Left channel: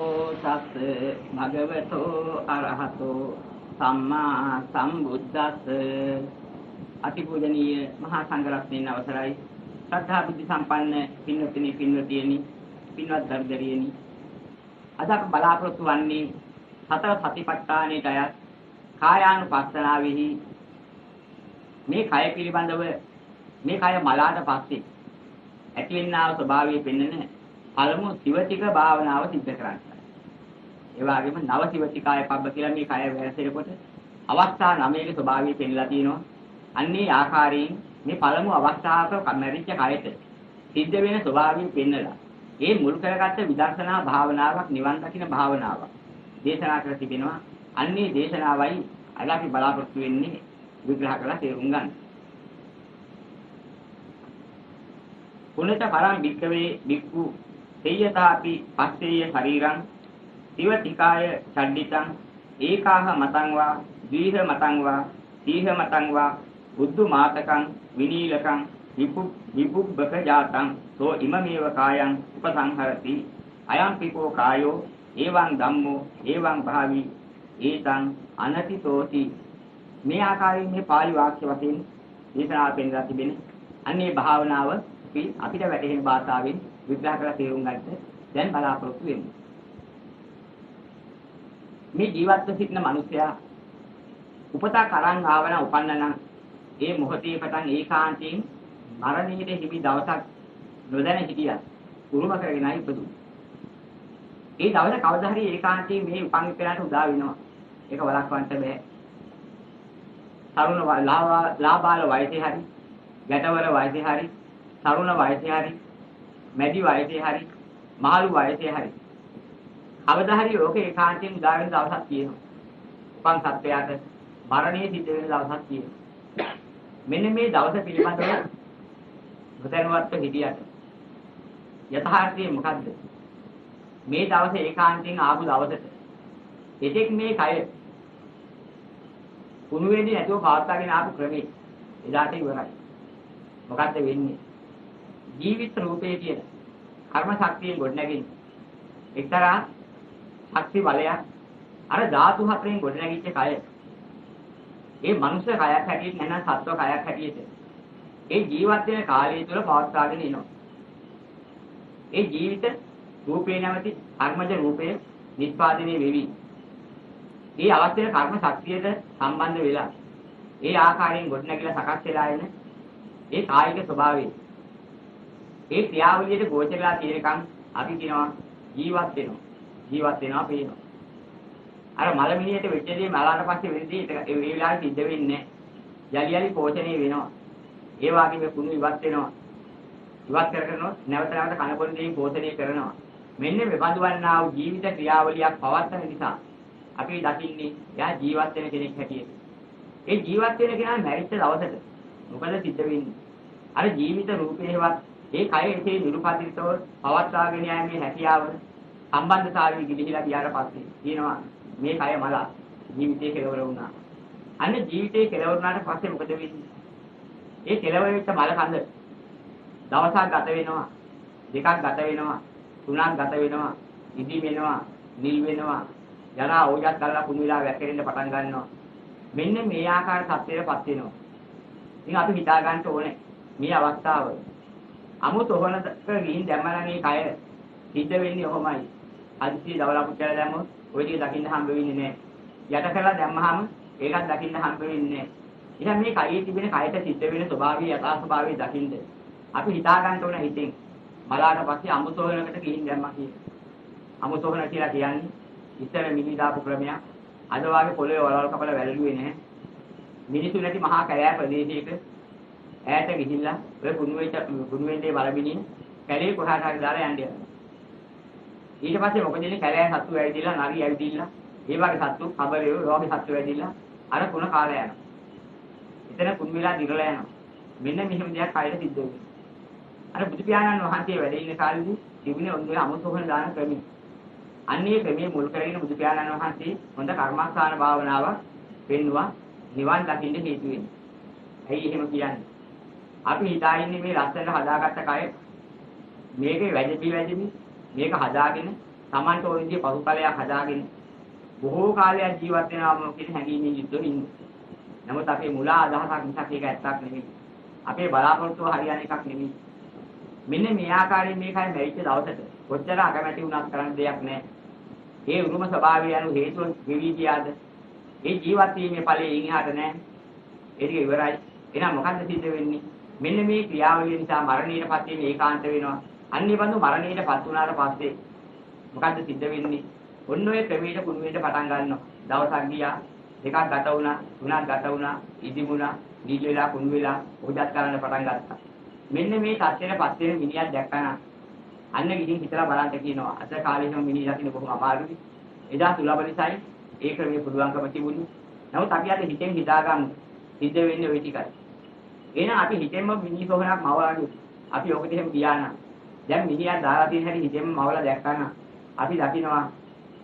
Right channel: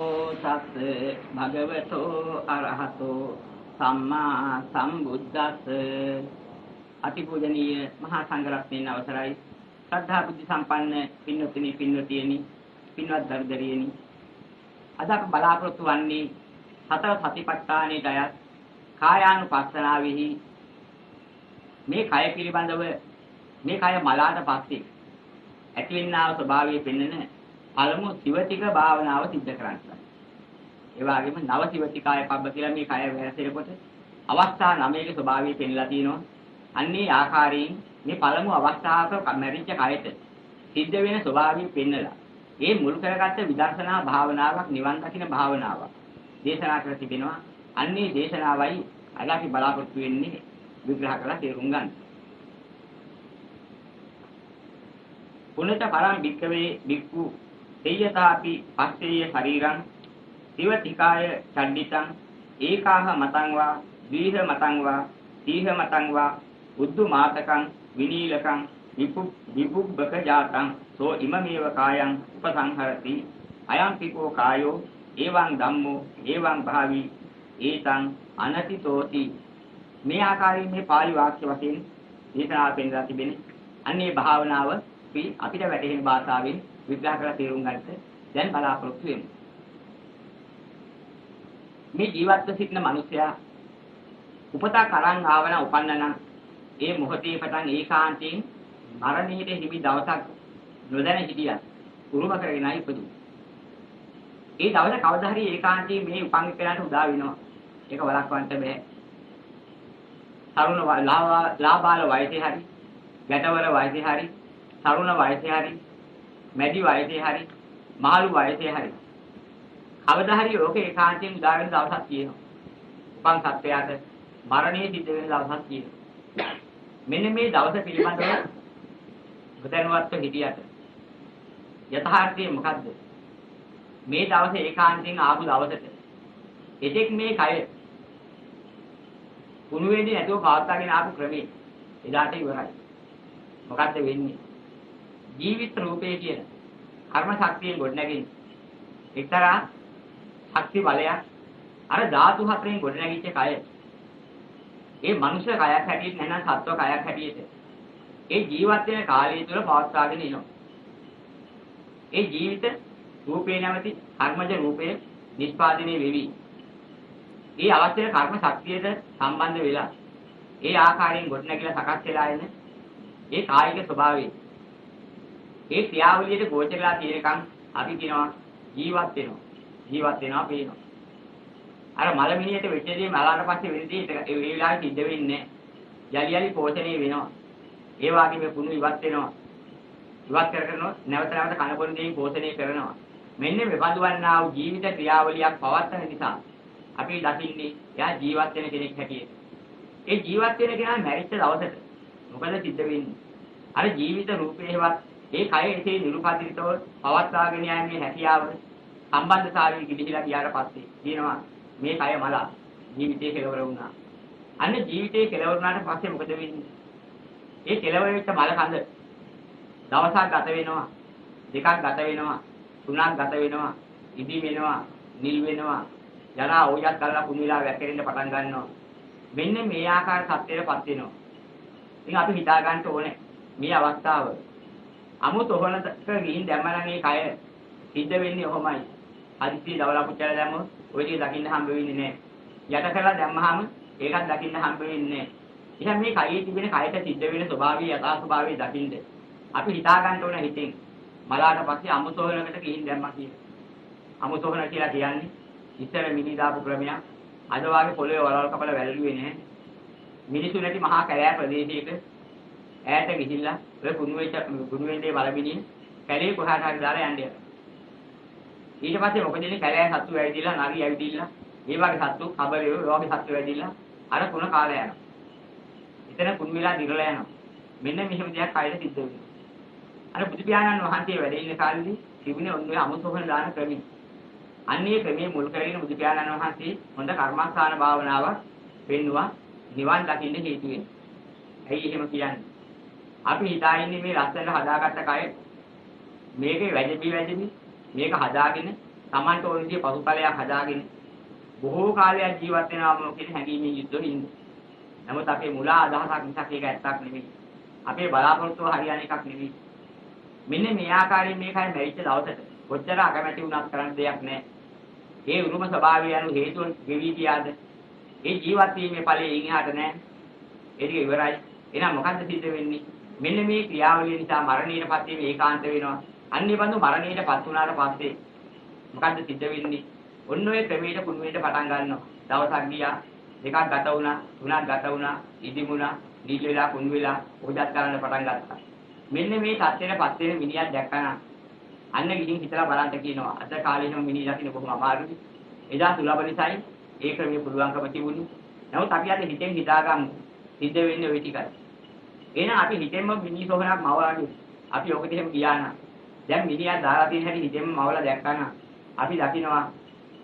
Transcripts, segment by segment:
තස්ස භගවතෝ අරහතෝ සම්මා සම්බුද්දස්ස අතිපූජනීය මහා සංඝරත්නයන් අවසරයි ශ්‍රද්ධා බුද්ධ සම්පන්න පින්වත්නි පින්වතියනි පින්වත් දර්දරියනි අද අප බලාපොරොත්තු වන්නේ සතර සතිපට්ඨානයේ අයත් කායානුපස්සනාවෙහි මේ කය පිළිබඳව මේ කය මලාට පස්සේ ඇතිවෙනා ස්වභාවය පෙන්වන පළමු සිවතික භාවනාව සිද්ධ කරන්නේ. ඒ වගේම නව සිවතිකාය පබ්බ කියලා මේ කය වැරසෙනකොට අවස්ථා 9ක ස්වභාවය පෙන්ලා තියෙනවා. අන්නේ ආකාරයෙන් මේ පළමු අවස්ථාවක මැරිච්ච කයට සිද්ධ වෙන ස්වභාවය පෙන්වලා ඒ මුල් කරගත්ත විදර්ශනා භාවනාවක් නිවන් දකින්න භාවනාවක් දේශනා කර තිබෙනවා. අන්නේ දේශනාවයි අද අපි බලාපොරොත්තු වෙන්නේ විග්‍රහ කරලා තේරුම් ගන්න. පුනත පරම් වික්කවේ වික්කු තේයතාපි පස්සේය ශරීරං සිවතිකාය චණ්ඩිතං ඒකාහ මතං වා දීහ මතං වා තීහ මතං වා උද්දු මාතකං විනීලකං විපුබ්බක ජාතං සෝ ඉමමේව කායං උපසංහරති අයං පිකෝ කායෝ එවං ධම්මෝ එවං භාවි ඒතං අනතිතෝති. මේ ආකාරයෙන් මේ පාළි වාක්‍ය වශයෙන් දේශනා පෙන්වා තිබෙන්නේ අන්නේ භාවනාව අපිට වැටහෙන භාෂාවෙන් විග්‍රහ කරලා තේරුම් ගන්නට දැන් බලාපොරොත්තු වෙමු. මේ ජීවත්ව සිටින මිනිසයා උපතා කරන් ආවන උපන්නන ඒ මොහොතේ පටන් ඒකාන්තයෙන් මරණයට හිමි දවසක් නොදැන හිටියා. උරුම කරගෙනයි ඉපදුනේ. ඒ දවස කවදා හරි ඒකාන්තයෙන් මේ උපන් කෙනාට උදා වෙනවා. ඒක වළක්වන්න බෑ. තරුණ ලාබාල වයසේ හරි, ගැටවල වයසේ හරි, තරුණ වයසේ හරි, මැදි වයසේ හරි, මහලු වයසේ හරි. කවදා හරි ඕක ඒකාන්තයෙන් උදා වෙන දවසක් තියෙනවා. උපන් සත්‍යයට මරණය සිද්ධ වෙන දවසක් තියෙනවා. මෙන්න මේ දවස පිළිබඳව බුදුන්වහන්සේ හිටියට යථාර්ථය මොකද්ද? මේ දවසේ ඒකාන්තයෙන් ආපු දවසට එතෙක් මේ කය කුණු වෙන්නේ නැතුව පවත්වාගෙන ආපු ක්‍රමේ එදාට ඉවරයි. මොකද්ද වෙන්නේ? ජීවිත රූපේ කියන කර්ම ශක්තියෙන් ගොඩනැගෙන එක්තරා ශක්ති බලයක් අර ධාතු හතරෙන් ගොඩනැගිච්ච කය ඒ මනුෂ්‍ය කයක් හැටියට නැත්නම් සත්ව කයක් හැටියට ඒ ජීවත් වෙන කාලය තුළ පවත්වාගෙන එනවා. ඒ ජීවිත රූපේ නැවති කර්මජ රූපේ නිෂ්පාදනය වෙවි. ඒ අවශ්‍ය කර්ම ශක්තියට සම්බන්ධ වෙලා ඒ ආකාරයෙන් ගොඩනැගිලා සකස් වෙලා එන ඒ කායික ස්වභාවය ඒ ක්‍රියාවලියට ගෝචරලා තියෙනකම් අපි කියනවා ජීවත් වෙනවා පේනවා. අර මලමිනියට වෙච්ච දේ මලාට පස්සේ වෙනදී ඒ වෙලාවේ සිද්ධ වෙන්නේ යලි පෝෂණය වෙනවා. ඒ වගේම කුණු ඉවත් වෙනවා. ඉවත් කරනවා නැවත කන බොන දේ පෝෂණය කරනවා. මෙන්න මේ බඳවන්නා වූ ජීවිත ක්‍රියාවලියක් පවත්වන නිසා අපි දකින්නේ යා ජීවත් වෙන කෙනෙක් හැටියට. ඒ ජීවත් වෙන කෙනා මැරිච්ච දවසට මොකද සිද්ධ වෙන්නේ? අර ජීවිත රූපේවත් ඒ කය එසේ නිරුපදිතව පවත්වාගෙන යන්නේ හැකියාව සම්බන්ධතාවයෙන් ගිලිහිලා ගියාට පස්සේ කියනවා මේ කය මල ජීවිතේ කෙලවර වුණා. අන්න ජීවිතේ කෙලවර වුණාට පස්සේ මොකද වෙන්නේ? ඒ කෙලවර වෙච්ච මල කඳ දවසක් ගත වෙනවා, දෙකක් ගත වෙනවා, තුනක් ගත වෙනවා, ඉදි වෙනවා, නිල් වෙනවා, යනා ඕජස් කරලා කුණිලා වැක්කෙන්න පටන් ගන්නවා. මෙන්න මේ ආකාර සත්‍යයටපත් වෙනවා. ඉතින් අපි හිතා ගන්න ඕනේ මේ අවස්ථාව අමුතොහනක ගිහින් දැම්මම මේ කය සිද්ධ වෙන්නේ ඔහොමයි. අදිසි දවලා පුච්චලා දැම්මොත් ඔය දේ දකින්න හම්බ වෙන්නේ නැහැ. යට කරලා දැම්මහම ඒකත් දකින්න හම්බ වෙන්නේ නැහැ. එහෙනම් මේ කයේ තිබෙන කයට සිද්ධ වෙන ස්වභාවය යථා ස්වභාවය දකින්න අපි හිතා ගන්න ඕනේ හිතෙන්. මලාට පස්සේ අමුතොහනකට ගිහින් දැම්මා කියලා. අමුතොහන කියලා කියන්නේ ඉස්සර මිනි දාපු ක්‍රමයක්. අද වාගේ පොළවේ වලවල් කපලා වැළලුවේ නැහැ. මිනිසු නැති මහා කැලෑ ප්‍රදේශයක ඈත ගිහිල්ලා ඔය කුණු වෙන්නේ වලමිනිය කැලේ කොහාට හරි දාලා යන්නේ. ඊට පස්සේ මොකද ඉන්නේ කැලෑ සත්තු ඇවිදilla නරි ඇවිදilla ඒ වගේ සත්තු කබරේ රෝගී සත්තු ඇවිදilla අර කුණ කාලය යනවා. එතන කුණු වෙලා දිරලා යනවා. මෙන්න මෙහෙම දෙයක් කයද සිද්ධ වෙනවා. අර බුදු පියාණන් වහන්සේ වැඩ ඉන්න කාලෙදී තිබුණේ ඔන්නේ අමුසෝහන දාන ක්‍රමය. අන්නේ ක්‍රමයේ මුල් කරගෙන බුදු පියාණන් වහන්සේ හොඳ කර්මස්ථාන භාවනාවක් පෙන්නවා නිවන් දකින්න හේතු වෙන්නේ. ඇයි එහෙම කියන්නේ? අපි හිතා ඉන්නේ මේ ලස්සනට හදාගත්ත කය මේකේ වැඩි මේක හදාගෙන Tamanට ඕන විදිහේ පසුතලයක් හදාගෙන බොහෝ කාලයක් ජීවත් වෙනවා මොකද හැඟීමේ යුද්ධෙ ඉන්නේ. නමුත් අපේ මුලා අදහසක් මිසක් ඒක ඇත්තක් නෙවෙයි. අපේ බලාපොරොත්තුව හරියන එකක් නෙවෙයි. මෙන්න මේ ආකාරයෙන් මේකයි මෙයිච්ච දවසට කොච්චර අකමැති වුණත් කරන්න දෙයක් නැහැ. ඒ උරුම ස්වභාවය යන හේතුන් ගෙවි ගියාද? ඒ ජීවත් වීමේ ඵලයේ ඉහාට නැහැ. ඒක ඉවරයි. එහෙනම් මොකද්ද සිද්ධ වෙන්නේ? මෙන්න මේ ක්‍රියාවලිය නිසා මරණයටපත් වීම ඒකාන්ත වෙනවා. අන්නේ බඳු මරණයටපත් වුණාට පස්සේ මොකද්ද සිද්ධ වෙන්නේ? ඔන්න ඔය ක්‍රමයට කුණුවේට පටන් ගන්නවා. දවසක් ගියා, දෙකක් ගත වුණා, තුනක් ගත වුණා, ඉදිමුණා, දීජ වෙලා කුණු වෙලා උදත් කරන්න පටන් ගත්තා. මෙන්න මේ තත්ත්වයටපත් වෙන මිනිහක් දැක්කම අන්න ගිහින් හිතලා බලන්න කියනවා. අද කාලේම මිනිහ දකින්න කොහොම අමාරුද? එදා සුලබ නිසායි ඒක මේ පුළුවන්කම තිබුණේ. නමුත් අපි අද හිතෙන් හිතාගමු. සිද්ධ වෙන්නේ ওই ටිකයි. එහෙනම් අපි හිතෙන්ම මිනිසෝහනක් මවලාගේ. අපි ඔකට එහෙම ගියා නම් දැන් මිනිහා දාලා තියෙන හැටි හිතෙන්ම මවලා දැක්කම අපි දකිනවා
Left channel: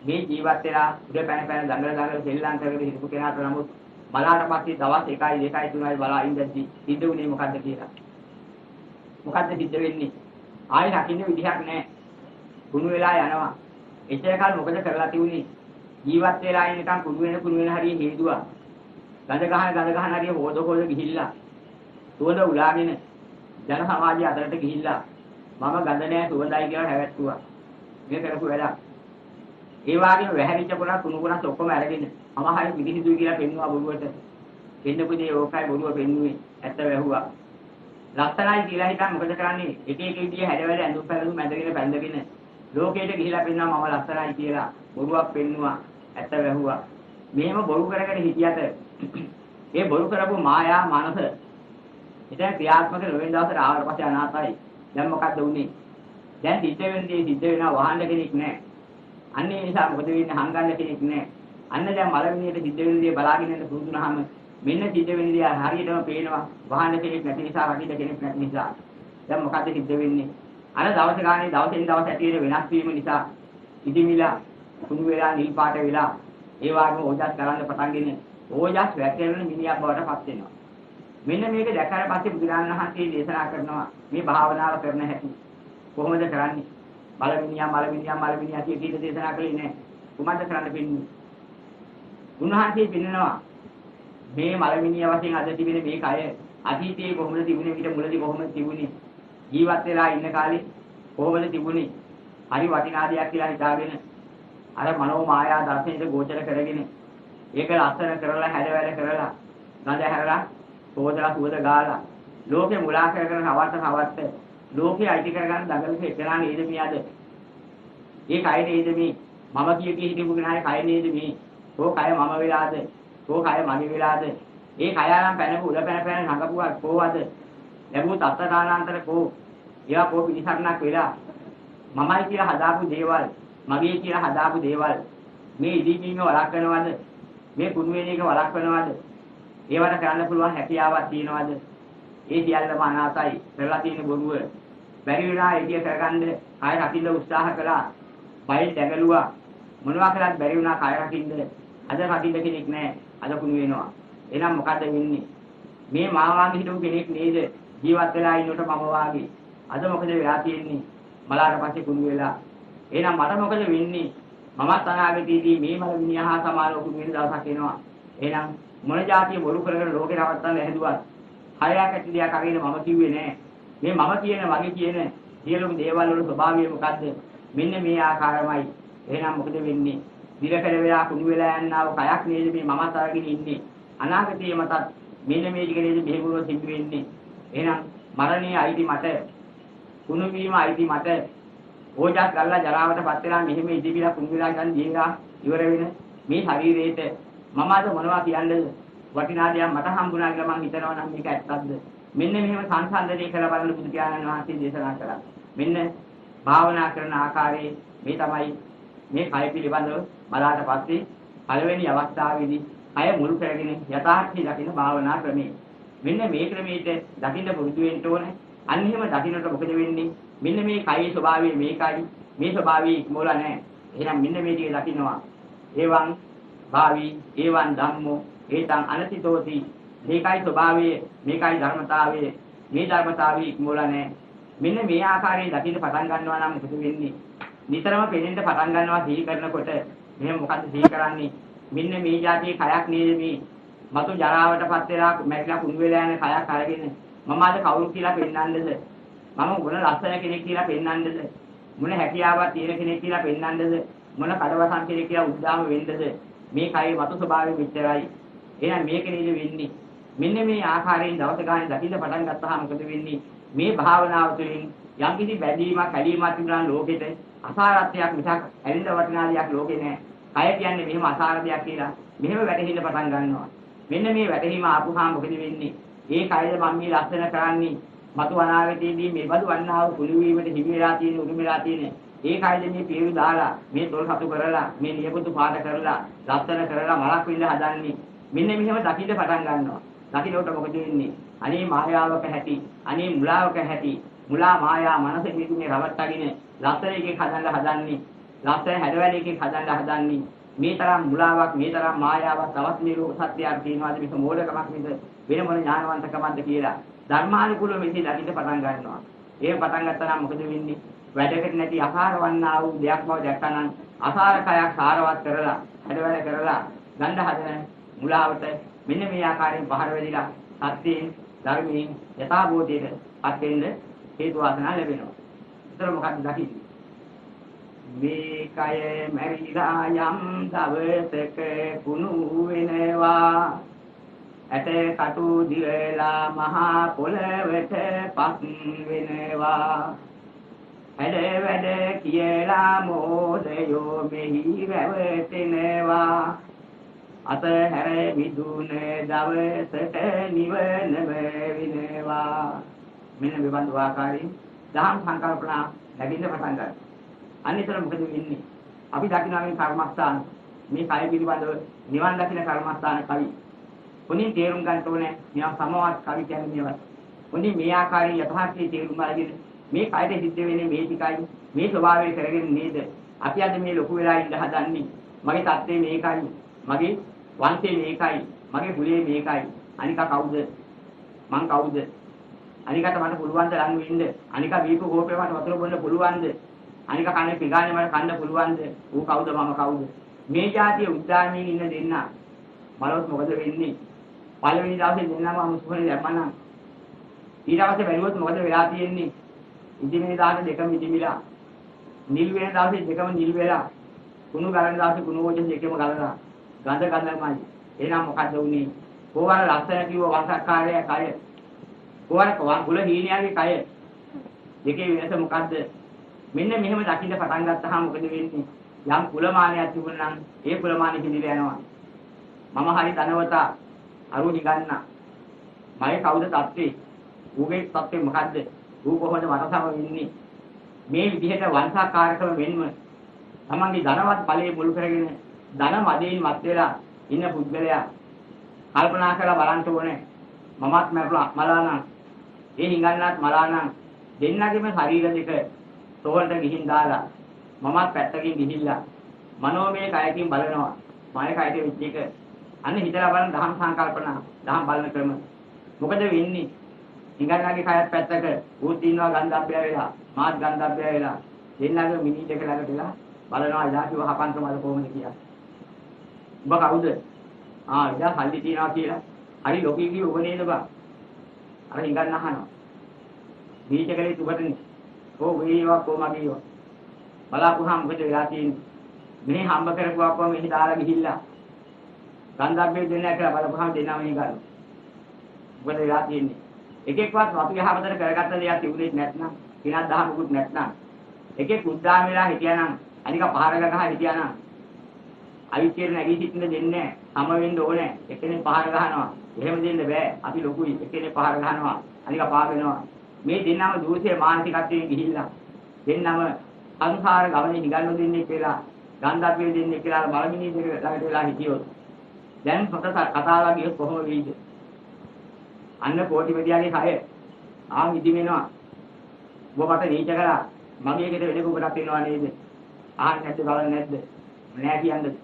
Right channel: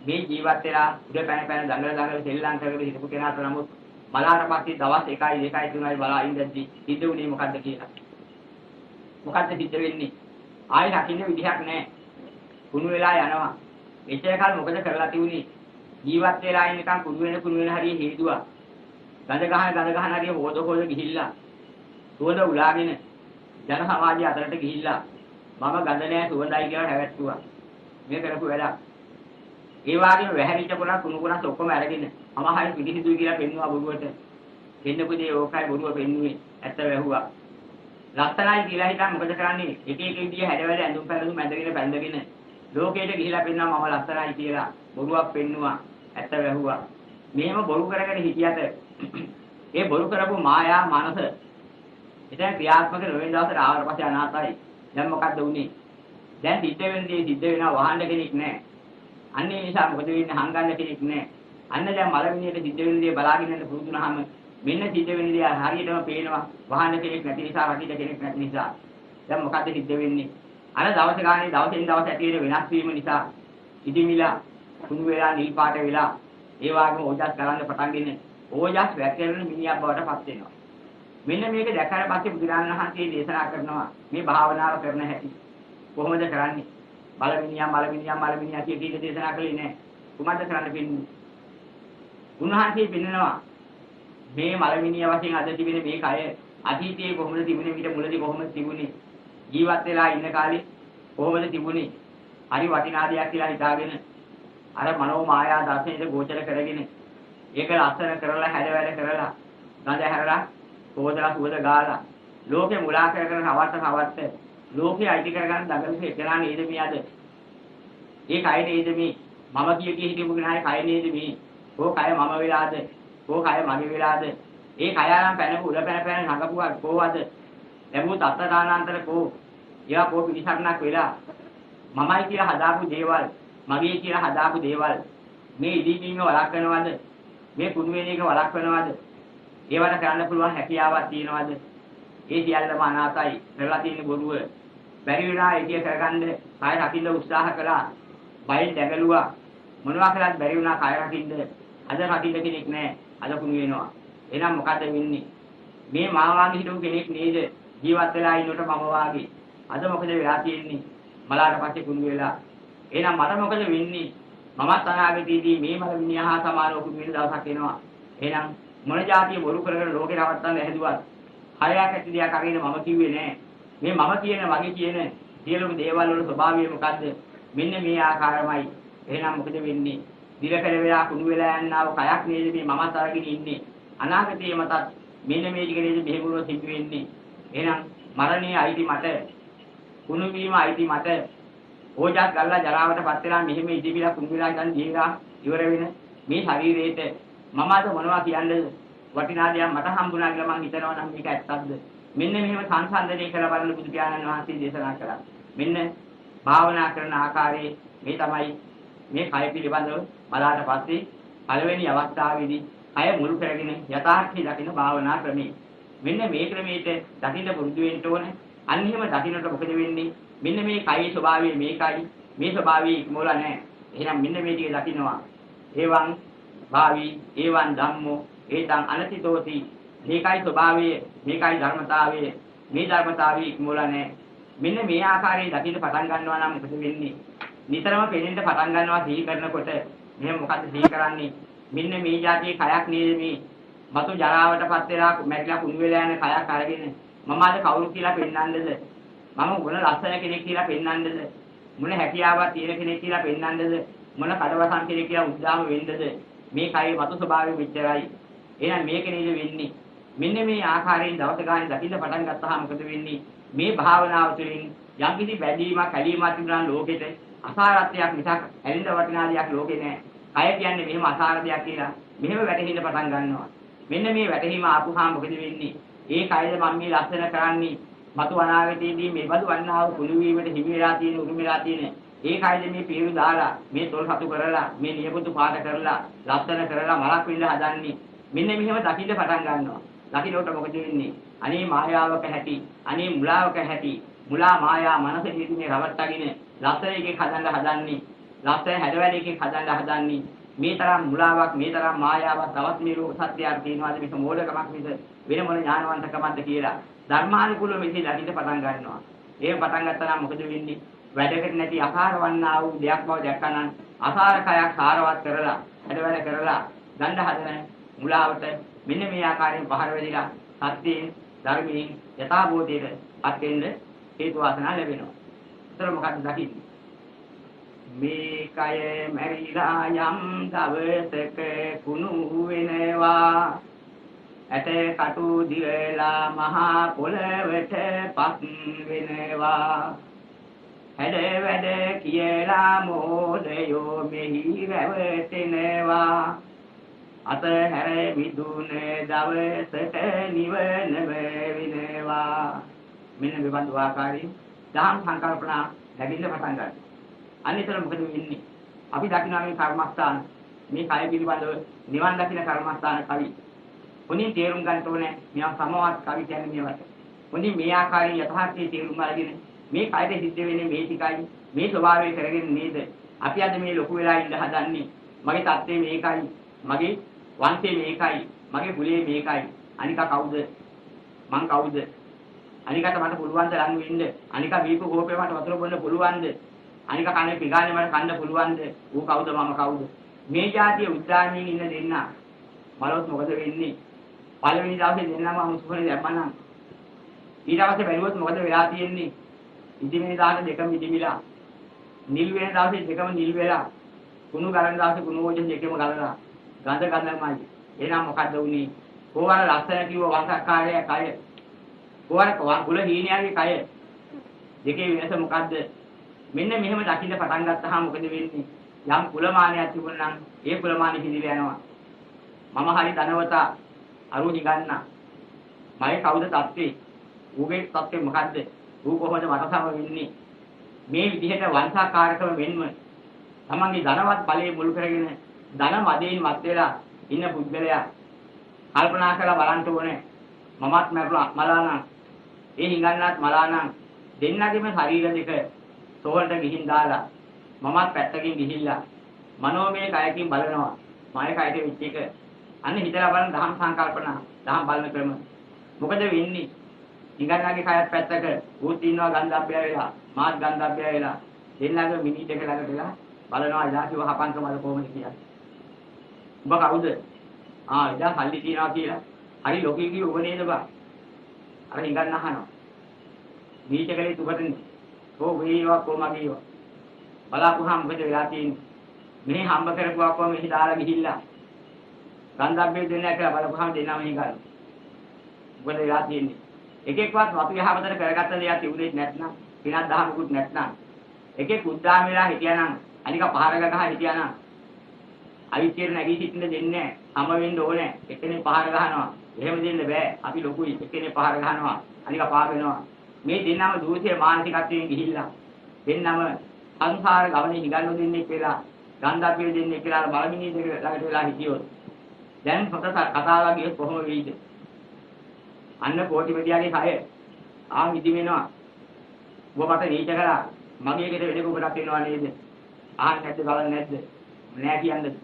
මේ ජීවත් වෙලා උඩ පැන දඟල සෙල්ලම් කරගෙන හිටපු කෙනාට නමුත් බලාට පස්සේ දවස් 1යි 3යි බලා ඉඳද්දි සිද්ධ වුණේ මොකද්ද කියලා. මොකද්ද සිද්ධ වෙන්නේ? ආයෙ රකින්න විදිහක් නැහැ. කුණු වෙලා යනවා. එච්චර කාල මොකද කරලා තියුනේ? ජීවත් වෙලා ඉන්නකම් කුණු වෙන හරිය හේතුවා. ගඳ ගහන හරිය හොද ගිහිල්ලා. සුවඳ උලාගෙන ජන සමාජය අතරට ගිහිල්ලා මම ගඳ නැහැ සුවඳයි කියලා හැවැත්තුවා. මේ කරපු වැඩක්. ඒ වගේම වැහැරිච්ච පොළක් කුණු කොටස් ඔක්කොම අරගෙන මම හරිය පිටිහිදුයි කියලා පෙන්නවා බොරුවට. දෙන්නකදී ඕකයි බොරුව පෙන්නුවේ. ඇත්ත වැහුවා. ලස්සනයි කියලා හිතා මොකද කරන්නේ? එක එක විදිය හැඩවැඩ ඇඳුම් පැළඳුම් ඇඳගෙන බැඳගෙන ලෝකයට ගිහිලා පෙන්නවා මම ලස්සනයි කියලා බොරුවක් පෙන්නුවා. ඇත්ත වැහුවා. මෙහෙම බොරු කරගෙන හිටියට ඒ බොරු කරපු මායා මනස එතන ක්‍රියාත්මක නොවෙන දවසට ආවට පස්සේ අනාතයි. දැන් මොකද්ද වුනේ? දැන් සිද්ධ වෙනවා වහන්න කෙනෙක් නැහැ. අන්නේ නිසා මොකද වෙන්නේ? හංගන්න කෙනෙක් නැහැ. අන්න දැන් මලමිණියට සිද්ධ වෙන දේ බලාගෙන ඉන්න පුරුදුනහම මෙන්න සිද්ධ වෙන දේ හරියටම පේනවා. වහන්න කෙනෙක් නැති නිසා, රකින්න කෙනෙක් නැති නිසා. දැන් මොකද්ද සිද්ධ වෙන්නේ? අර දවස් ගානේ දවසින් දවස ඇති වෙන වෙනස් වීම නිසා ඉදිමිලා කුණු වෙලා නිල් පාට වෙලා ඒ වගේම ඕජස් කරන්න පටන් ගන්නේ. ඕජස් වැටෙන මිනිහක් බවට පත් වෙනවා. මෙන්න මේක දැක්කාට පස්සේ බුදුරජාණන් වහන්සේ දේශනා කරනවා මේ භාවනාව කරන හැටි. කොහොමද කරන්නේ? මලමිනියා කියන දේ දේශනා කළේ නෑ. කොහොමද කරන්න පින්නේ? උන්වහන්සේ පින්නනවා මේ මලමිනිය වශයෙන් අද තිබෙන මේ කය අතීතයේ කොහොමද තිබුණේ ඊට මුලදී කොහොමද තිබුණේ? ජීවත් වෙලා ඉන්න කාලේ කොහොමද තිබුණේ? හරි වටිනා දෙයක් කියලා හිතාගෙන අර මනෝ මායා දර්ශනයේ ගෝචර කරගෙන ඒක ලස්සන කරලා හැඩවැඩ කරලා ගඳ හැරලා සෝදලා සුවඳ ගාලා ලෝකේ මුලා කරගෙන හවත්ත ලෝකේ අයිති කරගන්න දඟලුවේ එතරම් නේද මේ අද? ඒ කය නේද මේ? මම කිය හිටපු කෙනාගේ කය නේද මේ? ඕ කය මම වෙලාද? ඕ කය මගේ වෙලාද? ඒ කය ආරම් පැනපු උඩ පැන නඟපුවා කොහොමද? ලැබුත් අත්තානාන්තර කෝ එයා කෝ පිළිසරණක් වෙලා මමයි කියලා හදාපු දේවල් මගේ කියලා හදාපු දේවල් මේ ඉදිමීම වළක්වනවද? මේ කුණු වෙන එක වළක්වනවද? ඒවට කරන්න පුළුවන් හැකියාවක් තියනවද? ඒ සියල්ලම අනාතයි. කරලා තියෙන බොරුව. බැරි වුණා ඉතිය කරගන්න කය රකින්න උත්සාහ කළා. බයෙන් දැගලුවා. මොනවා කරත් බැරි වුණා කය රකින්න. අද රකින්න කෙනෙක් නැහැ. අද කුණු වෙනවා. එහෙනම් මොකද වෙන්නේ? මේ මාවාගේ හිටු කෙනෙක් නේද? ජීවත් වෙලා ඉන්නකොට මම වාගේ. අද මොකද වෙලා තියෙන්නේ? බලාට පස්සේ කුණු වෙලා. එහෙනම් මට මොකද වෙන්නේ? මමත් අනාගතයේදී මේ මලමිනිය හා සමානව කුණු වෙන දවසක් එනවා. එහෙනම් මොන જાතිය බොරු කරගෙන රෝගේ නවත්තන්න හැදුවත් හරයක් ඇති දෙයක් අරින්න මම කිව්වේ නෑ. මේ මම කියන වගේ කියන සියලුම දේවල් වල ස්වභාවය මොකද්ද? මෙන්න මේ ආකාරමයි. එහෙනම් මොකද වෙන්නේ? දිලකල වෙලා කුණු වෙලා යනවා කයක් නේද මේ මමත් අරගෙන ඉන්නේ. අනාගතයේ මතත් මෙන්න මේ ටික නේද මෙහෙමුව සිද්ධ වෙන්නේ. එහෙනම් මරණය අයිති මට. කුණු වීම අයිති මට. ඕජස් ගල්ලා ජරාවටපත් වෙලා මෙහෙම ඉදිරිලා කුණු වෙලා ගන්න දීලා ඉවර වෙන මේ ශරීරයේට මම අද මොනවා කියන්නේ? වටිනා දෙයක් මට හම්බුණා කියලා මම හිතනවා නම් මේක ඇත්තක්ද? මෙන්න මෙහෙම සංසන්දනය කරලා බලන බුදු පියාණන් වහන්සේ දේශනා කළා. මෙන්න භාවනා කරන ආකාරයේ මේ තමයි මේ කය පිළිබඳව බලාට පස්සේ පළවෙනි අවස්ථාවේදී කය මුල් කරගෙන යථාර්ථය දකින්න භාවනා ක්‍රමය. මෙන්න මේ ක්‍රමයට දකින්න පුරුදු වෙන්න ඕන. අන්හිම දකින්නට මොකද වෙන්නේ? මෙන්න මේ කයේ ස්වභාවය මේකයි. මේ ස්වභාවය ඉක්මවල නැහැ. එහෙනම් මෙන්න මේ ටික දකින්නවා. ඒවන් භාවි ඒවන් ධම්මෝ ඒතං අනතිතෝති. මේකයි ස්වභාවය, මේකයි ධර්මතාවය. මේ ධර්මතාවය ඉක්මවල නැහැ. මෙන්න මේ ආකාරයෙන් දකින්න පටන් ගන්නවා නම් මොකද වෙන්නේ? නිතරම පෙනෙන්න පටන් ගන්නවා සිහි කරනකොට මෙහෙම මොකද්ද සිහි කරන්නේ? මෙන්න මේ જાතියේ කයක් නේද මේ මතු ජරාවටපත් වෙලා මැරිලා කුණු වෙලා යන කයක් අරගෙන මම අද කවුරු කියලා පෙන්වන්නද? මම මොන ලස්සන කෙනෙක් කියලා පෙන්වන්නද? මොන හැකියාවක් තියෙන කෙනෙක් කියලා පෙන්වන්නද? මොන කඩවසන් කෙනෙක් කියලා උද්දාම වෙන්නද? මේ කයේ මතු ස්වභාවය මෙච්චරයි. එහෙනම් මේක නේද වෙන්නේ? මෙන්න මේ ආකාරයෙන් දවස ගානේ දකින්න පටන් ගත්තාම මොකද වෙන්නේ? මේ භාවනාව තුළින් යම් කිසි බැඳීමක් ඇලීමක් තිබුණා ලෝකෙට අසාරත්වයක් මිසක් ඇලින්න වටිනා දෙයක් ලෝකේ නෑ. කය කියන්නේ මෙහෙම අසාර දෙයක් කියලා මෙහෙම වැටහෙන්න පටන් ගන්නවා. මෙන්න මේ වැටහීම ආපුහාම මොකද වෙන්නේ? ඒ කයද මම මේ ලස්සන කරන්නේ මතු අනාගතයේදී මේ බඳු වන්නා වූ කුළු වීමට හිමි වෙලා තියෙන උරුම වෙලා තියෙන ඒ කයද මේ පිරු දාලා මේ තොල් සතු කරලා මේ නියපොතු පාට කරලා ලස්සන කරලා මලක් විඳ හදන්නේ. මෙන්න මෙහෙම දකින්න පටන් ගන්නවා. දකින්නකොට මොකද වෙන්නේ? අනේ මායාවක ඇති, අනේ මුලාවක ඇති. මුලා මායා මනසේ නිදුනේ රවට්ටගෙන ලස්සන එකක් හදන්න හදන්නේ. ලස්සන හැඩවැලකින් හදන්න හදන්නේ. මේ තරම් මුලාවක්, මේ තරම් මායාවක් තවත් මේ ලෝක සත්‍යයක් තියෙනවාද මේක මෝඩකමක් නේද? වෙන මොන ඥානවන්තකමක්ද කියලා ධර්මානුකූලව මෙහි දකින්න පටන් ගන්නවා. ඒ පටන් ගත්තා නම් මොකද වෙන්නේ? වැඩකට නැති අසාර වන්නා වූ දෙයක් බව දැක්කනම් අසාරකයක් සාරවත් කරලා හැඩවැල කරලා දණ්ඩ හදන මුලාවට මෙන්න මේ ආකාරයෙන් පහර වෙලිලා සත්‍යයෙන් ධර්මයෙන් යථාභූතයට පත් වෙන්න හේතු වාසනා ලැබෙනවා. ඒතර මොකක්ද දකින්නේ? මේ කය මැරිලා යම් දවසක කුණු වෙනවා ඇට කටු දිරලා මහා පොළවට පස් වෙනවා හැඩ වැඩ කියලා මෝඩයෝ මෙහි රැවටෙනවා අතහැර විදුන දවසට නිවනම වෙනවා. මෙන්න මේ බඳු ආකාරයෙන් දහම් සංකල්පනා ලැබෙන්න පටන් ගන්නවා. අනිතර මොකද වෙන්නේ? අපි දකිනා මේ කර්මස්ථාන මේ කය පිළිබඳව නිවන් දකින කර්මස්ථාන කවි. මොනින් තේරුම් ගන්න ඕනේ? නිකන් සමවත් කවි කියන්නේ මේවත්. මොනින් මේ ආකාරයෙන් යථාර්ථයේ තේරුම් අරගෙන මේ කයද සිද්ධ වෙන්නේ මේ ටිකයි මේ ස්වභාවය කරගෙන නේද? අපි අද මේ ලොකු වෙලා ඉඳ හදන්නේ. මගේ தත්ත්වය මේකයි. මගේ වංශය මේකයි. මගේ කුලය මේකයි. අනික කවුද? මං කවුද? අනිකට මට පුළුවන් ද ලඟ වෙන්න? අනික බීපු කෝපේ මට වතුර බොන්න පුළුවන්ද? අනික කන්නේ පිගානේ මට කන්න පුළුවන්ද? ඌ කවුද මම කවුද? මේ જાතිය උද්දාමයේ ඉන්න දෙන්න බලවත් මොකද වෙන්නේ? පළවෙනි දවසේ දෙන්නම අමුසුනේ දැම්මනම් ඊට පස්සේ බැලුවොත් මොකද වෙලා තියෙන්නේ? ඉදිමේ දාන දෙකම ඉදිමිලා නිල් වෙන දවසේ දෙකම නිල් වෙලා කුණු ගලන දවසේ කුණු වෝජේ දෙකම ගලනවා. ගඳ ගඳමයි. එහෙනම් මොකද්ද උනේ? කොහොමද ලස්සන කිව්ව වංශකාරය කය? කොහොමද කුල හීනයාගේ කය? දෙකේ වෙනස මොකද්ද? මෙන්න මෙහෙම දකින්න පටන් ගත්තාම මොකද වෙන්නේ? යම් කුලමානයක් තිබුණා නම් ඒ කුලමානෙ පිළිලා යනවා. මම හරි ධනවතා අරු නිගන්න. මගේ කවුද තත්ත්වේ? ඌගේ තත්ත්වේ මොකද්ද? ඌ කොහොමද මට සම වෙන්නේ? මේ විදිහට වංශාකාරකම වෙන්න තමන්ගේ ධනවත් බලයේ මුල් කරගෙන ධන මදයෙන් වත් වෙලා ඉන්න පුද්ගලයා කල්පනා කරලා බලන්න ඕනේ. මමත් මලානම් ඒ හිඟන්නත් මලානම් දෙන්නගේම ශරීර දෙක තෝරට ගිහින් දාලා මමත් පැත්තකින් ගිහිල්ලා මනෝමය කයකින් බලනවා. මාය කයට විචේක අනේ හිතලා බලන දහම් සංකල්පනා දහම් බලන ක්‍රම මොකද වෙන්නේ? හිඟන්නගේ කයත් පැත්තක ඌත් ඉන්නවා ගන්ධබ්බය වෙලා මාත් ගන්ධබ්බය වෙලා දෙන්නගේ මිනි දෙක ළඟට වෙලා බලනවා ඉලාසිව හපන්කම වල කොහොමද කියලා. ඔබ කවුද? ඉතින් සල්ලි තියනවා කියලා. හරි ලෝකීකී ඔබ නේද බා? අර හිඟන්න අහනවා. මේකලේ තුබටනේ. ඕ වේවා කොමගියෝ. බලාපුවාම මොකද වෙලා තියෙන්නේ? මෙහි හම්බ කරපුවාම මෙහි දාලා ගිහිල්ලා. ගන්ධබ්බේ දෙන්නා කියලා බලපුවාම දෙන්නාම හිඟාලු. මොකද වෙලා තියෙන්නේ? එකෙක්වත් අපි යහපතට කරගත්ත දෙයක් තිබුණේ නැත්නම්, කිනක් දහමකුත් නැත්නම්. එකෙක් උද්දාම වෙලා හිටියානම්, අනික පහර ගහලා හිටියානම් අවිච්ඡේද නැගී සිටින්න දෙන්නේ නැහැ. සම වෙන්න ඕනේ. එතනේ පහර ගහනවා. එහෙම දෙන්න බෑ. අපි ලොකුයි. එතනේ පහර ගහනවා. අනික පා වෙනවා. මේ දෙන්නම දෝෂයේ මානසිකත්වයෙන් ගිහිල්ලා දෙන්නම සංසාර ගමනේ හිඟන්නු දෙන්නේ කියලා ගන්ධබ්බේ දෙන්නේ කියලා බලමිනී දෙක ළඟට වෙලා හිටියොත් දැන් පොත කතාව ගියොත් කොහොම වෙයිද? අන්න කෝටි මෙදියාගේ කය ඉදි වෙනවා. ඔබ මට නීච කරා මගේ ගෙට වෙන කෙනෙකුට වෙනවා නේද? ආන්න නැද්ද බලන්නේ නැද්ද? නෑ කියන්නේ.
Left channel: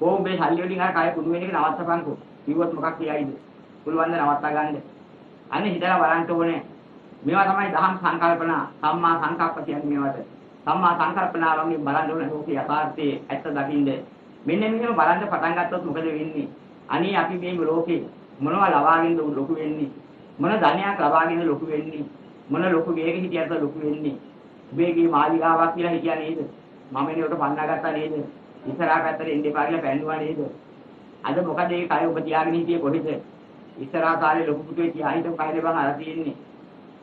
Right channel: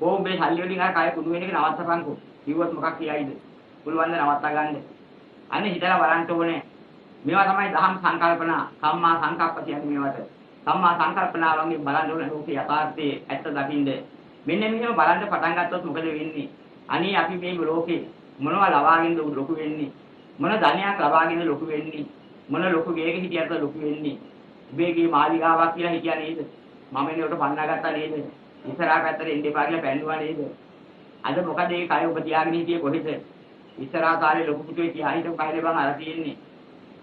කොහොමද සල්ලි වලින් ආ කය කුඩු වෙන එක නවත්තපන්කෝ. කිව්වොත් මොකක් කියයිද? පුළුවන් ද නවත්තා ගන්නද? අන්න හිතලා බලන්න ඕනේ. මේවා තමයි දහම් සංකල්පනා සම්මා සංකප්ප කියන්නේ මේවට. සම්මා සංකල්පනාවන්ගෙන් බලන්න ඕන ලෝකේ යථාර්ථයේ ඇත්ත දකින්න. මෙන්න මෙහෙම බලන්න පටන් ගත්තොත් මොකද වෙන්නේ? අනේ අපි මේ ලෝකේ මොනවා ලබාගෙන ලොකු වෙන්නේ? මොන ධනයක් ලබාගෙන ලොකු වෙන්නේ? මොන ලොකු ගේක හිටියද ලොකු වෙන්නේ? උබේගේ මාලිගාවක් කියලා හිටියා නේද? මම එනකොට පන්නා ගත්තා නේද? ඉස්සරහා පැත්තට එන්න එපා කියලා පැන්නුවා නේද? අද මොකද ඒ කය ඔබ තියාගෙන හිටියේ කොහෙද? ඉස්සරහා කාලේ ලොකු පුතේ තියා හිටපු කයනේ බං අර තියෙන්නේ.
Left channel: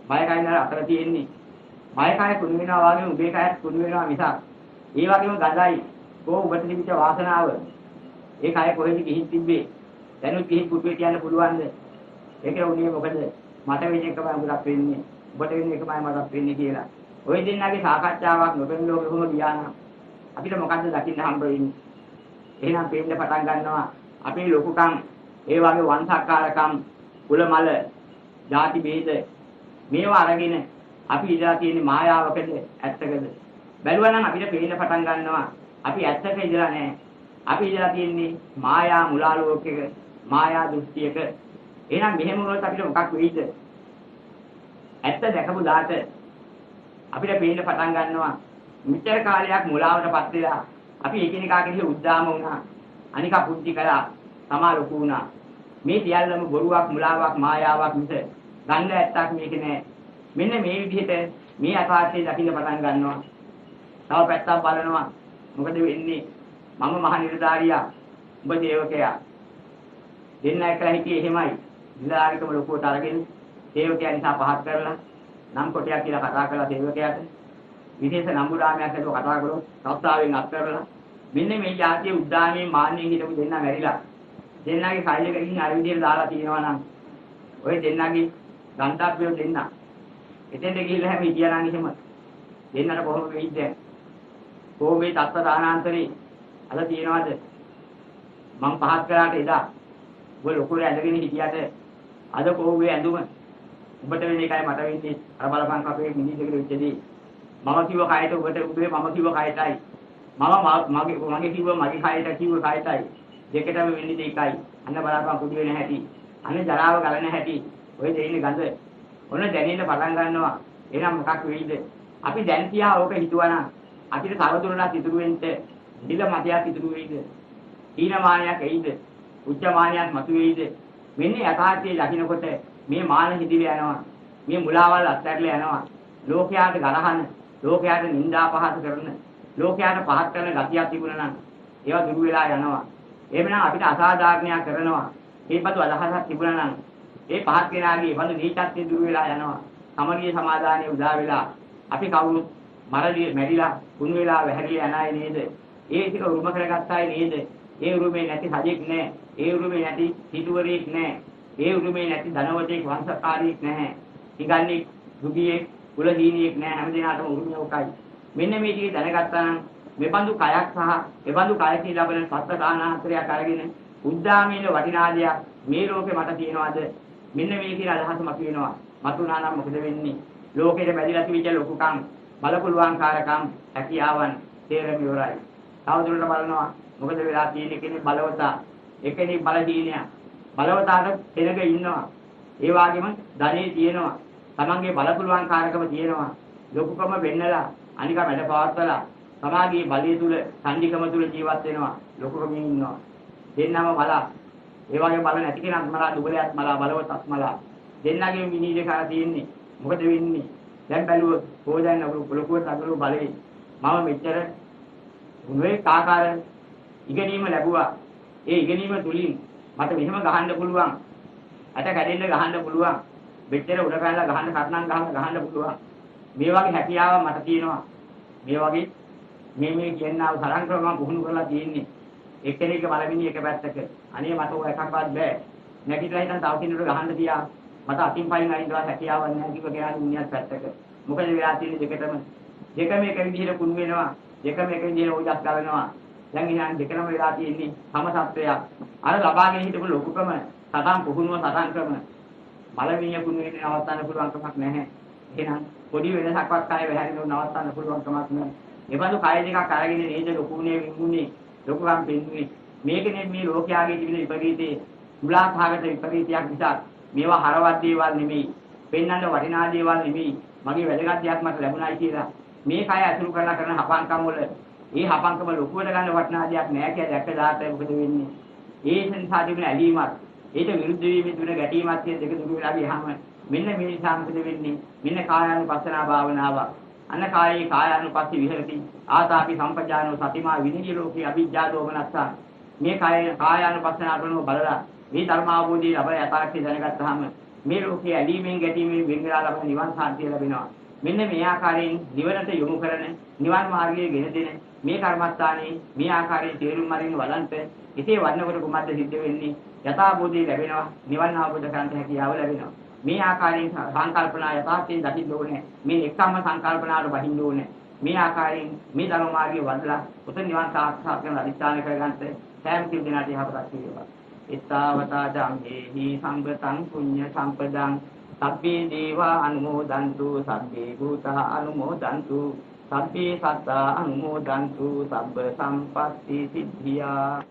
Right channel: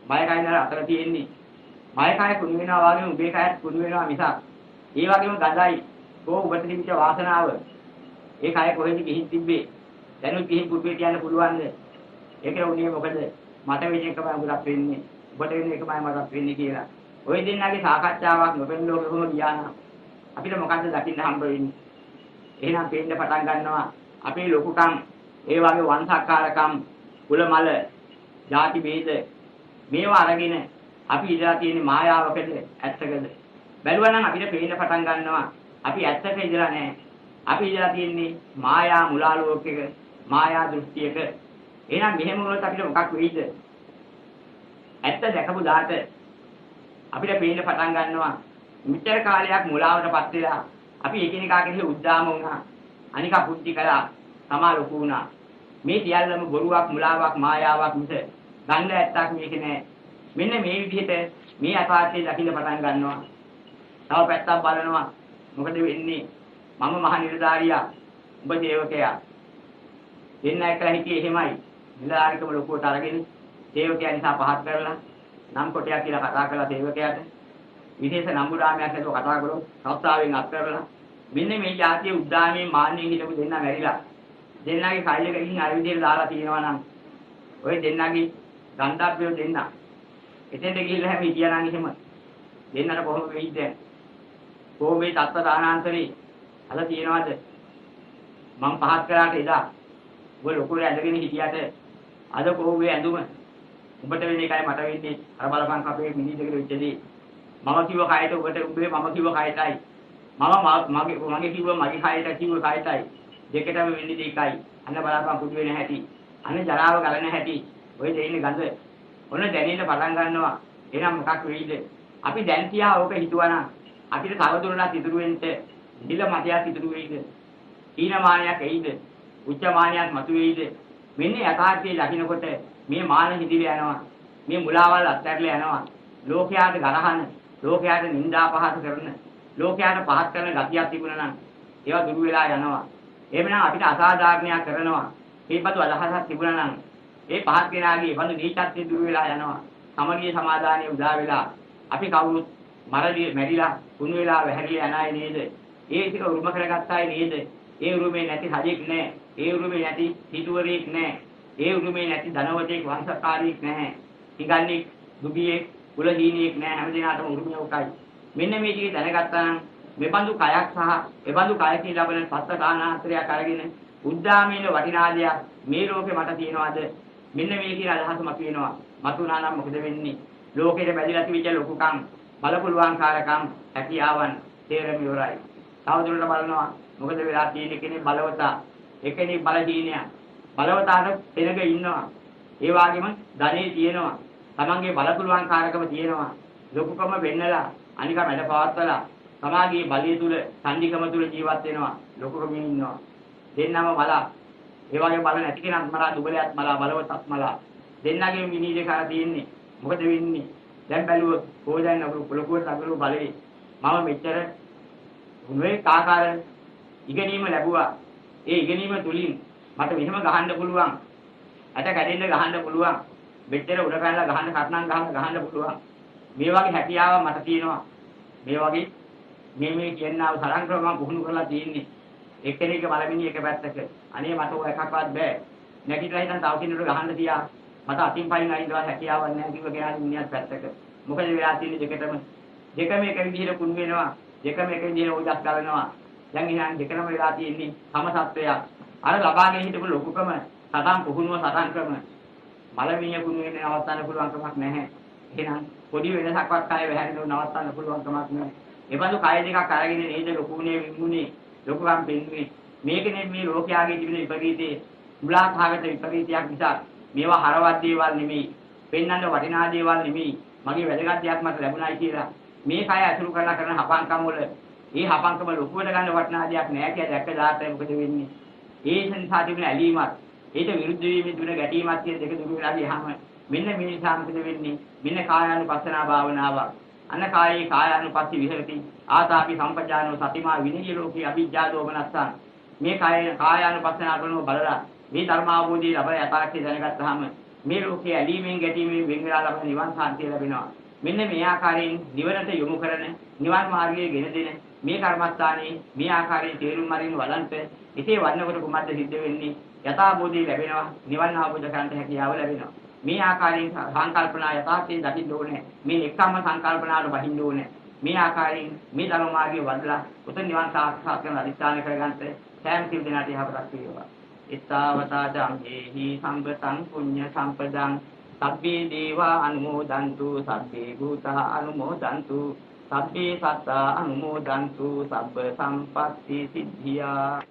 බය කයින් අතර තියෙන්නේ. බය කය කුණු වෙනවා වගේ උබේ කයත් කුණු වෙනවා මිසක්. ඒ වගේම ගඳයි. කොහොම ඔබට තිබිච්ච වාසනාව. ඒ කය කොහෙද ගිහින් තිබ්බේ? දැනුත් ගිහින් පුතේ කියන්න පුළුවන්ද? ඒකේ උනේ මොකද? මට වෙන එකමයි මොකක්ද වෙන්නේ? ඔබට වෙන එකමයි මටත් වෙන්නේ කියලා. ওই දෙන්නාගේ සාකච්ඡාවක් නොපෙන්න ලෝකෙ කොහොමද ගියානම් අපිට මොකද්ද දකින්න හම්බ වෙන්නේ? එහෙනම් පේන්න පටන් ගන්නවා අපේ ලොකුකම්, ඒ වගේ වංශාකාරකම්, කුල මල, ಜಾති ભેද මේවා අරගෙන අපි ඉඳලා තියෙන මායාවකද ඇත්තකද? බැලුවා නම් අපිට පේන්න පටන් ගන්නවා අපි ඇත්තක ඉඳලා නැහැ. අපි ඉඳලා තියෙන්නේ මායා මුලා ලෝකයක, මායා දෘෂ්ටියක. එහෙනම් මෙහෙම වුණොත් අපිට මොකක් වෙයිද? ඇත්ත දැකපු දාට අපිට පේන්න පටන් ගන්නවා මෙච්චර කාලයක් මුලාවටපත් වෙලා අපි එකිනෙකා කෙරෙහි උද්දාම වුණා. අනිකා පුංචි කළා, තමා ලොකු වුණා. මේ සියල්ලම බොරුවක්, මුලාවක්, මායාවක් මිස ගන්න ඇත්තක් මේක නෑ. මෙන්න මේ විදිහට මේ අපාර්ථය දකින්න පටන් ගන්නවා. තව පැත්තක් බලනවා. මොකද වෙන්නේ? මම මහ නිලධාරියා, ඔබ සේවකයා. දෙන්න එකලා හිටියේ එහෙමයි. නිලධාරිකම ලොකුවට අරගෙන සේවකයා නිසා පහත් කරලා නම් කොටයක් කියලා කතා කරලා සේවකයාට විශේෂ නම්බුරාමයක් හදුව කතා කරොත් සත්‍යාවෙන් අත්තරලා මෙන්න මේ જાතිය උද්දාමයේ මාන්නේ හිටපු දෙන්න මැරිලා දෙන්නගේ සායිලක ඉන්න අර විදිහට දාලා තියෙනවා නම් ඔය දෙන්නගේ ගන්ධබ්බයෝ දෙන්න එතෙන්ට ගිහිල්ලා හැම හිටියා නම් එහෙම දෙන්නට කොහොමද වෙයිද? කොහොමේ තත්ත්ව දානාන්තරේ අද තියනවාද? මම පහත් කරාට එදා ඔය ලොකුට ඇඳගෙන හිටියට අද කොහොමේ ඇඳුම ඔබට වෙන එකයි මට වෙන්නේ. අර බලපං කපේ මිනිහෙකුට වෙච්චදී මම කිව්ව කයට ඔබට උඹේ මම කිව්ව කයටයි මගේ කිව්ව මගේ කයට කිව්ව කයටයි දෙකටම වෙන්නේ දෙකයි. අන්න බලපං කුඩු වෙන හැටි. අනේ ජරාව ගලන හැටි. ඔය දෙන්නේ ගඳ. ඔන්න දැනෙන්න පටන් ගන්නවා. එහෙනම් මොකක් වෙයිද? අපි දැන් තියා ඕක හිතුවනම් අපිට තවදුරටත් ඉතුරු වෙන්න නිල මතයක් ඉතුරු වෙයිද? ඊනමානයක් එයිද? උච්චමානයක් මතුවේයිද? මෙන්න යථාර්ථයේ දකින්නකොට මේ මාන හිදිලා යනවා. මේ මුලාවල් අත්හැරලා යනවා. ලෝකයාට ගරහන, ලෝකයාට නිඳා පහත් කරන, ලෝකයාට පහත් කරන ගතියක් තිබුණා නම් ඒවා දුරු වෙලා යනවා. එහෙමනම් අපිට අසාධාරණයක් කරනවා. මේපතු අදහසක් තිබුණා නම් ඒ පහත් කෙනාගේ බඳු දීචත්‍ය දුරු වෙලා යනවා. සමගිය සමාදානයේ උදා වෙලා අපි කවුරුත් මැරිලා කුණු වෙලා වැහැරිලා යන අය නේද? ඒ ටික උරුම කරගත්ත අය නේද? ඒ උරුමේ නැති හදික් නැහැ. ඒ උරුමේ නැති හිතුවරෙක් නැහැ. ඒ උරුමේ නැති ධනවතෙක් වංශකාරීක් නැහැ. හිඟන්නේ දුගියෙක් කුලහීනියෙක් නැහැ. හැමදේනාටම උරුමය උකයි. මෙන්න මේ ටික දැනගත්තා නම් මෙබඳු කයක් සහ එබඳු කයකින් ලැබෙන සත්‍ය දානාන්තරයක් අරගෙන උද්දාමීන වටිනාදයක් මේ ලෝකේ මට තියෙනවද? මෙන්න මේ කියන අදහස මත වෙනවා. මතුණා නම් මොකද වෙන්නේ? ලෝකෙට බැඳිලා තිබිච්ච ලොකුකම්, බලපුලුවන්කාරකම්, හැකියාවන් තේරෙන්න ඉවරයි. තවදුරටත් බලනවා මොකද වෙලා තියෙන්නේ කෙනෙක් බලවතා, එකෙනෙක් බලහීනයා. බලවතාට පෙරක ඉන්නවා. ඒ වගේම ධනෙ තියෙනවා. තමන්ගේ බලපුලුවන්කාරකම තියෙනවා. ලොකුකම වෙන්නලා අනික මැද පවත්වලා සමාගයේ බලය තුල, සංධිකම තුල ජීවත් වෙනවා. ලොකුකම ඉන්නවා. දෙන්නම බලා. ඒ වගේ බල නැති කෙනාත් මලා, දුබලයාත් මලා, බලවතත් මලා. දෙන්නගේ මිනිහේ කාලා තියෙන්නේ. මොකද වෙන්නේ? දැන් බැලුවොත් කොහෙන්ද ලොකුවට අගලු බලේ. මම මෙච්චර උනේ කාකාර ඉගෙනීම ලැබුවා. ඒ ඉගෙනීම තුලින් මට මෙහෙම ගහන්න පුළුවන්. අට කැඩෙන්න ගහන්න පුළුවන්. මෙච්චර උඩ පැනලා ගහන්න කර්ණම් ගහන්න පුළුවන්. මේ වගේ හැකියාව මට තියෙනවා. මේ වගේ මේ කියනවා තරංග ක්‍රම පුහුණු කරලා තියෙන්නේ. එක්කෙනෙක් බලමින් එක පැත්තක. අනේ මට ඔය එකක්වත් බෑ. නැතිලා හිටන් තව කෙනෙකුට ගහන්න තියා. මට අතින් පයින් අයින්නවා හැකියාවක් නැහැ කිව්ව කෙනා ඉන්නත් පැත්තක. මොකද වෙලා තියෙන්නේ දෙකටම. දෙකම එක විදිහට කුණු වෙනවා. දෙකම එක විදිහට උදස් කරනවා. දැන් එහෙනම් දෙකම වෙලා තියෙන්නේ සම සත්‍යයක්. අර ලබාගෙන හිටපු ලොකුකම සතන් පුහුණුව සතන් ක්‍රම. බලමිය කුණු වෙන්නේ නවත්තන්න පුළුවන් කමක් නැහැ. එහෙනම් පොඩි වෙනසක්වත් ආයේ වැහැරෙන්න නවත්තන්න පුළුවන් කමක් නැහැ. එබඳු කය දෙකක් අරගෙන නේද ලොකුනේ විමුනේ ලොකුම් පෙන්නේ. මේකනේ මේ ලෝකයාගේ තිබෙන විපරීතේ මුලාකාරක විපරීතයක් නිසා මේවා හරවත් දේවල් නෙමෙයි. පෙන්වන්න වටිනා දේවල් නෙමෙයි. මගේ වැදගත් දෙයක් මට ලැබුණායි කියලා මේ කය අතුරු කරලා කරන හපංකම් වල මේ හපංකම ලොකුවට ගන්න වටිනා දෙයක් නෑ කියලා දැක්ක දාට මොකද වෙන්නේ? ඒ නිසා තිබෙන ඇලීමක්, ඒට විරුද්ධ වීමේ තිබෙන ගැටීමක් කියන දෙක දුරු වෙලා ගියාම මෙන්න මේ නිසා මොකද වෙන්නේ? මෙන්න කායානුපස්සනා භාවනාව. අන්න කායේ කායානුපස්සී විහෙරති. ආතාපි සම්පජානෝ සතිමා විනීය ලෝකේ අවිජ්ජා දෝමනස්සා. මේ කායානුපස්සනා කරනව බලලා මේ ධර්ම අවබෝධය ලබලා යථාර්ථය දැනගත්තාම මේ ලෝකයේ ඇලීමෙන් ගැටීමෙන් වෙන් වෙලා ලබන නිවන් සාන්තිය ලැබෙනවා. මෙන්න මේ ආකාරයෙන් නිවනට යොමු කරන නිවන් මාර්ගයේ ගෙන දෙන මේ කර්මස්ථානයේ මේ ආකාරයෙන් තේරුම් අරින්න වලන්ත ඉතේ වන්නකොට කුමද්ද සිද්ධ වෙන්නේ? යථාබෝධය ලැබෙනවා. නිවන් අවබෝධ කරගන්න හැකියාව ලැබෙනවා. මේ ආකාරයෙන් සංකල්පනා යථාර්ථයෙන් දකින්න ඕනේ. මේ එකම සංකල්පනාවට බහින්න ඕනේ. මේ ආකාරයෙන් මේ ධර්ම මාර්ගය වඩලා උතුම් නිවන් සාක්ෂාත් කරගන්න අධිෂ්ඨාන කරගන්න සෑම සිල් දිනාට යහපතක් වේවා. ittavata jammehi sambatan punya sampedang sabbe deva anumodantu sabbe bhuta anumodantu sabbe satta anumodantu sabba sampatti siddhiya